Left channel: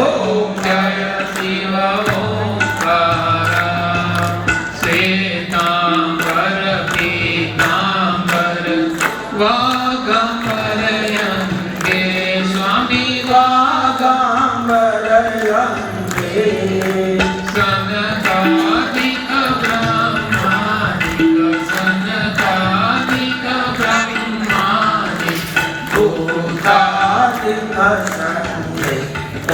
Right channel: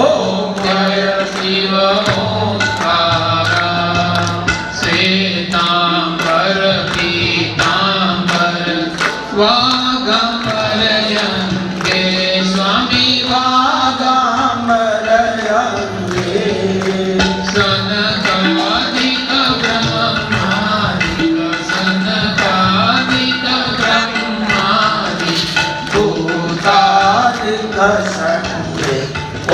ओम जय शिव ओंकार श्वेतांबर पीतांबर वागंबरयंगे स्वामी वागंबरयंगे सनकादिक ब्रह्मादिक सनकादिक ब्रह्मादिक भूतादिक संगे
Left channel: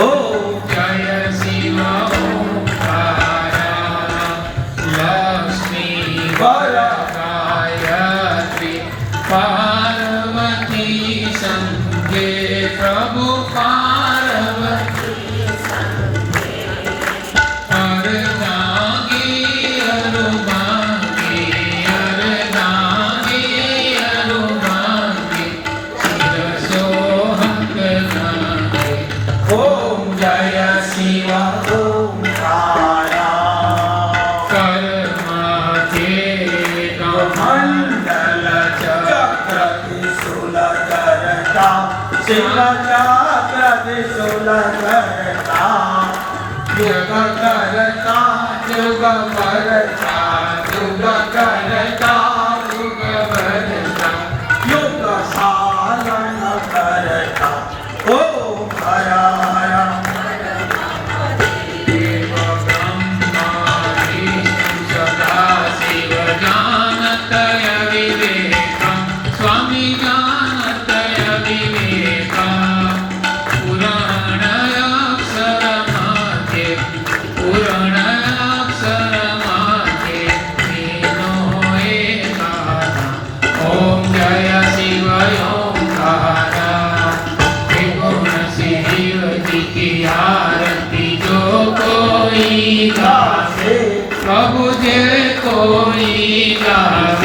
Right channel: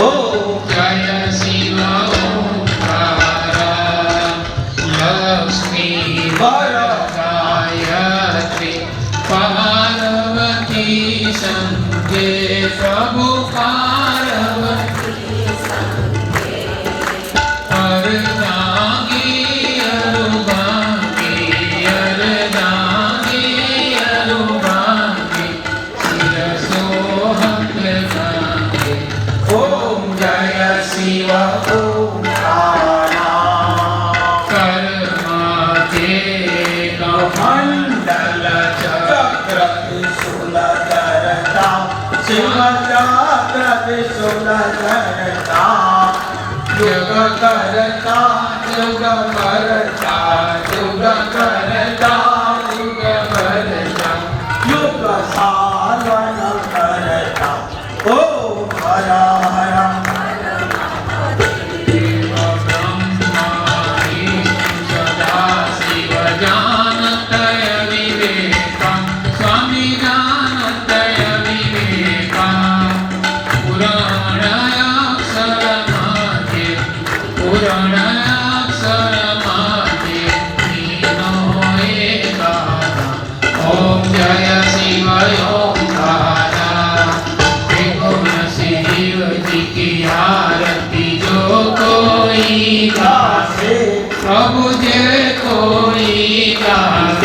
ओम जय शिव ओंकार लक्ष्मी वरदायत्री पार्वती संगे प्रभु पार्वती संगे अर्धांगी अरुभांगी अर्धांगी अरुभांगी शिरसोहंग नागे ओम जय शिव ओंकार कर्माते मंडल चक्र त्रिशूलधरता शिवचक्र त्रिशूलधरता युग करता युग करता युग करता युग करता युग साधन करता ओम हर हर देव ब्रह्मा विष्णु सदा शिव जानतय विवेकं स्वामी जानतय विवेकं पुराणाक्षरमध्ये पुराणाक्षरमध्ये नीनो एकादा ओम जय शिव ओंकार त्रिगुण शिव जी की आरती जो कोई गावे प्रभु जे कोई गावे